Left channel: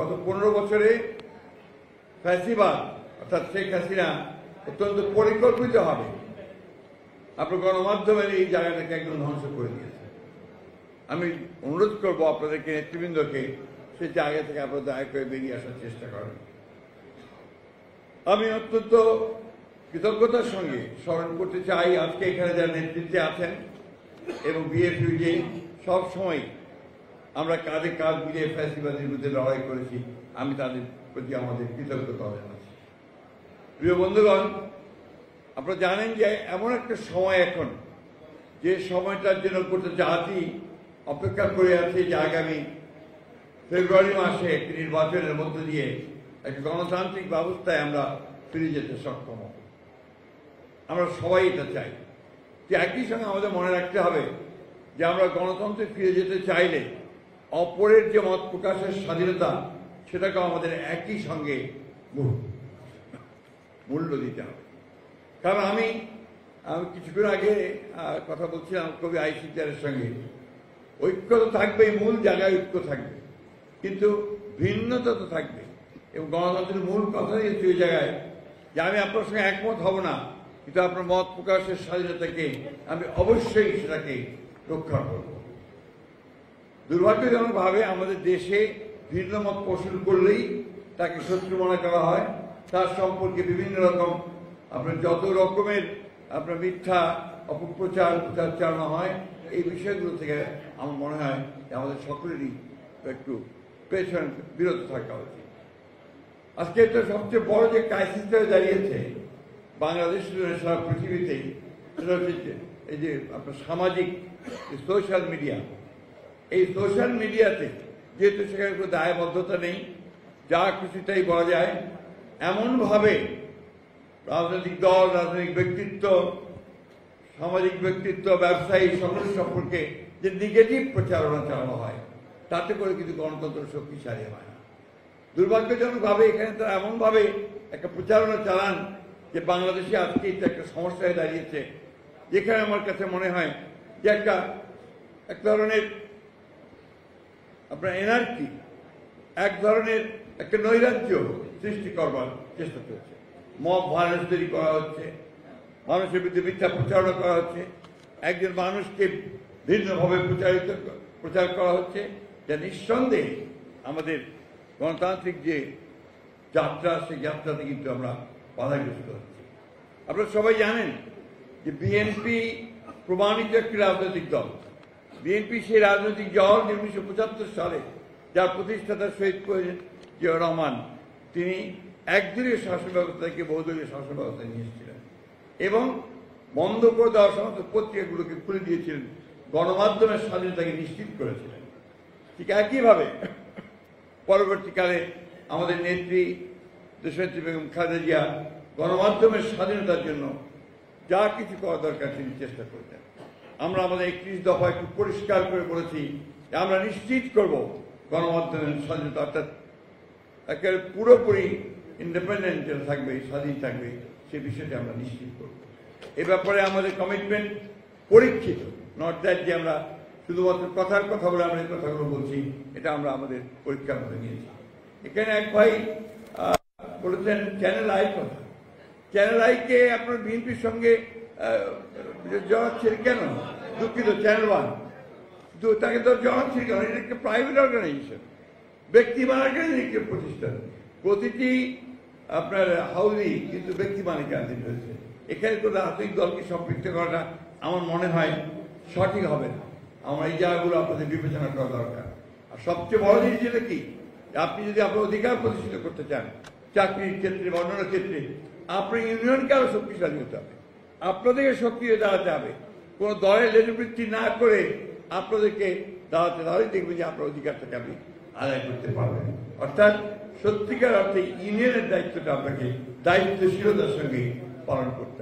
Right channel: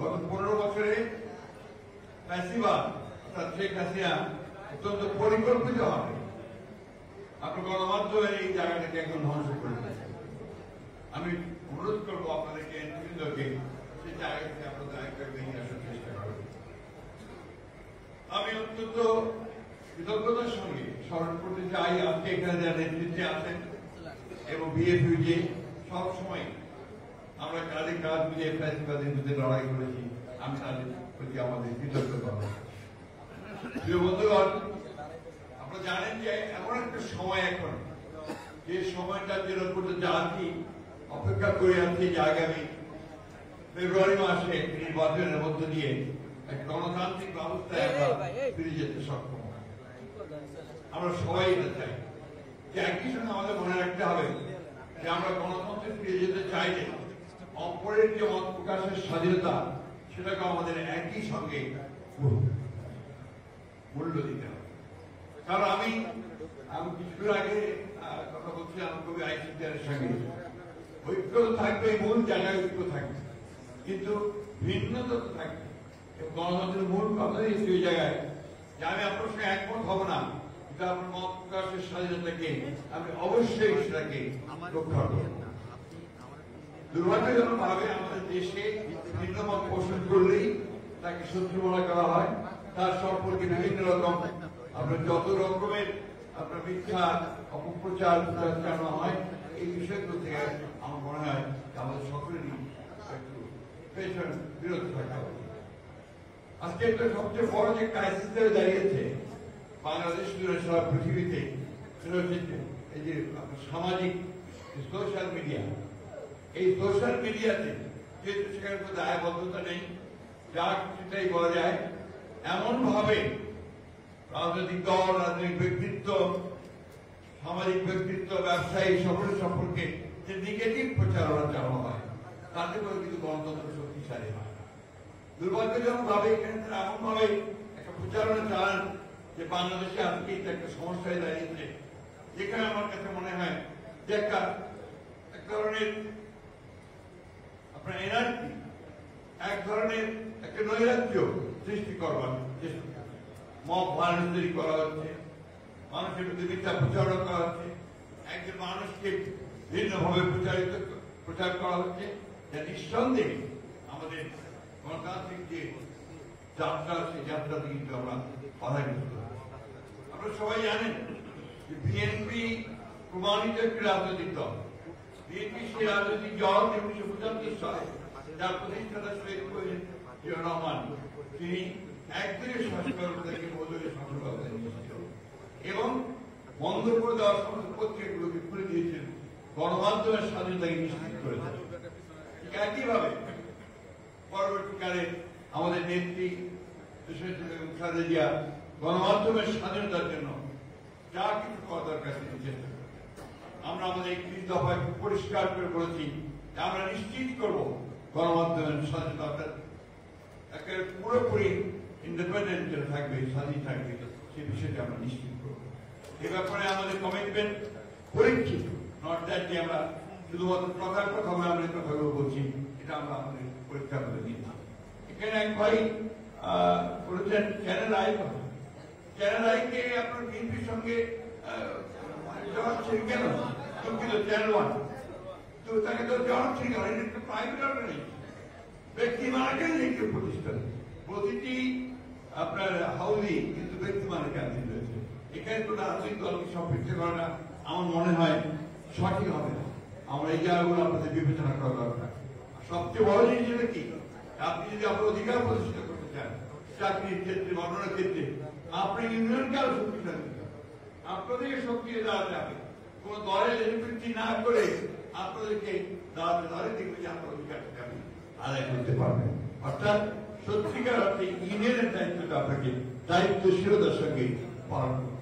গত 15 বছরে ফ্যাসিবাদ অর্থাৎ শেখ হাসিনা অত্যন্ত পরিকল্পিত হবে আপনার গণমাধ্যমের এই জায়গাটাকে একদম ধ্বংস করে দিয়েছে। আমি অনুরোধ করবো আপনাদেরকে নেতৃবৃন্দকে সেই জায়গা থেকে আপনারা দয়া করে বেরিয়ে আসার চেষ্টা করেন। আমি অত্যন্ত কৃতজ্ঞতার সঙ্গে স্মরণ করতে চাই আজকে এখানে যারা নেতৃত্বে আছেন এবং বিএনপি যে সবসময় আমরা কাঁধে কাঁধ মিলিয়ে ফ্যাসিবাদের বিরুদ্ধে লড়াই করেছি, আমি তাদের প্রতি আমাদের কৃতজ্ঞতা। প্রিয় বন্ধুগণ, আপনারা জানেন যে এমন একটা সময় এখন যে সময়টার জন্য গোটা জাতি অপেক্ষা করে আছে যে আগামী ফেব্রুয়ারি মাসে একটি নির্বাচনের মধ্য দিয়ে একটা গণতান্ত্রিক ব্যবস্থায় আমরা ফিরে যেতে সক্ষম হব। আমরা সবাই এটা চাই। যে একই সঙ্গে আমাদের মনে রাখতে হবে যে আমরা গণতন্ত্রে ফিরে যেতে চাইলে অপরের যে মত প্রকাশের স্বাধীনতা সেটাকে আমাদের একই সঙ্গে মূল্য দিতে হবে। কারণ আমি কিছুক্ষণ আগে কথা বলছিলাম কবি আইসিটারের সঙ্গে, ঐক্য তো থাকবে, মূল জায়গায় ঐক্য থাকবে, কিন্তু ভিন্নতা তো থাকবে। এবং গণতন্ত্রের মূল কথা হচ্ছে ওই জায়গায় যে আমি আপনার সঙ্গে একমত হব না, কিন্তু আপনার মত প্রকাশের স্বাধীনতাকে আমি অবশ্যই সেটাকে রক্ষা করব। দুর্ভাগ্যজনক ভাবে আমাদের দেশে ভিন্ন মত পোষণ করলেই তাকে শত্রু মনে করা হয়, তার সম্পর্কে বিভিন্ন রকম আপনার যত রকমের আপনার মিথ্যা অপপ্রচার চালানো হয়। এই বিষয়গুলো থেকে আমার মনে হয় আমাদের সকলেরই একটু পেছন বিরত থাকা উচিত। আজকে এটা সবচেয়ে বড় যে ক্রাইসিসটা দাঁড়িয়েছে বাংলাদেশ সারা পৃথিবীতে, সেটা হচ্ছে এই যে আপনার সামাজিক সোশ্যাল মিডিয়া। এই সোশ্যাল মিডিয়াতে যেহেতু সেখানে কোনো দায়বদ্ধতা নেই, যা খুশিটাই বলা যায়, এমনভাবে রাজনৈতিক দল, রাজনৈতিক ব্যক্তিত্ব, সামাজিক ব্যক্তিত্ব, ব্যবসায়ী সকল সম্পর্কে যে নেগেটিভ প্রচারণা চালানো হয়, তাতে করে কিন্তু গণতন্ত্র শক্তিশালী হয়। দুর্ভাগ্যজনক ভাবে এখানে তারা এমনভাবে একটা প্রচারণা চালান যে বাংলাদেশে আজকে এটা একটা সমস্যায় দাঁড়িয়েছে, যেখানে আমার কাছে মনে হয় যে এক ধরনের আপনার এনার্জি, এক ধরনের একটা নৈরাজ্য সৃষ্টি করবার চেষ্টা করছে। মব ভায়োলেন্স তৈরি করা হচ্ছে, মানুষের বিরুদ্ধে মিথ্যা প্রচারণা করা হচ্ছে, একজন মানুষকে ভিন্নভাবে প্রচার করা হচ্ছে, যা নিঃসন্দেহে আমাদের গণতান্ত্রিক যে যাত্রা, সেই যাত্রাতে কিন্তু আমরা বাধাগ্রস্ত হচ্ছি। আপনারা সবাই জানেন যে বিএনপি প্রমাণিত একটি রাজনৈতিক দল। বিএনপি সেই রাজনৈতিক দল 1975 সালে যার প্রতিষ্ঠাতা শহীদ করেছেন জিয়াউর রহমান, তিনি একদলীয় শাসন ব্যবস্থা থেকে বহুদলীয় শাসন ব্যবস্থা নিয়েছিলেন এবং বন্ধ করে দেওয়ার সমস্ত পত্রিকাগুলোকে খুলে দিয়েছিলেন, গণমাধ্যমের স্বাধীনতাকে নিশ্চিত করেছেন। ঠিক একইভাবে পরবর্তীকালে আমাদের নেত্রী দেশনেত্রী বেগম খালেদা জিয়া গণমাধ্যমের স্বাধীনতার জন্য যা কিছু করা দরকার তিনি চেষ্টা করেছেন। আমরা আমাদের 31 দফায় খুব পরিষ্কার করে বলেছি যে আমরা নিশ্চিত করব গণমাধ্যমের স্বাধীনতা, অর্থাৎ একেবারে পুরোপুরি ইন্ডিপেন্ডেন্ট থাকবে, স্বাধীন থাকবে, সে বিষয়টি আমরা নিশ্চিত করব। এ ব্যাপারে আমাদের কমিটমেন্ট পরীক্ষিত, নট দ্যাট যে আমরা শুধুমাত্র কথার কথা বলে আমরা এই কথাগুলো বলছি, এটা আমরা আমাদের পরীক্ষা করে নিয়েছি। এখানে এক ভাই বলেছেন চ্যানেল আই কথা। চ্যানেল আইকে আপনার বিএনপির সঙ্গে জড়াচ্ছেন কেন? দুঃখিত, চ্যানেল ওয়ান তাকে তো জড়াচ্ছেন কেন? এটা একটা প্রাইভেট অর্গানাইজেশন, ব্যক্তি মালিকানাধীন একটি প্রতিষ্ঠান। প্রতিটি আপনার হাউরি কিন্তু ব্যক্তি মালিকানাধীন হয়েছে। এখানে কোনো রাজনৈতিক দলকে সম্পৃক্ত করাটা আমার মনে হয় সঠিক হবে না। আমার এই জায়গাগুলো আপনাদের বিবেচনা করা দরকার। আর সবচেয়ে বড় জিনিস হলো কি, আপনি যদি আপনার অধিকার প্রতিষ্ঠিত করতে চান চাকরির ক্ষেত্রে, বর্ণনার ক্ষেত্রে, আপনার ইউনিয়নকে আরো শক্তিশালী হতে হবে, আপনাদেরকে সক্রিয় দাঁড়াতে হবে। কোনো দলের লেজবৃত্তি না করে আপনাদেরকে দাঁড়াতে হবে, দেখবেন যে আপনার অধিকারটাকে আপনি আদায় করতে পারবেন। অর্থাৎ সত্যিকার অর্থে ইউনিয়নের দায়িত্বটা আপনাকে দায়িত্বশীলতার সঙ্গে পালন করতে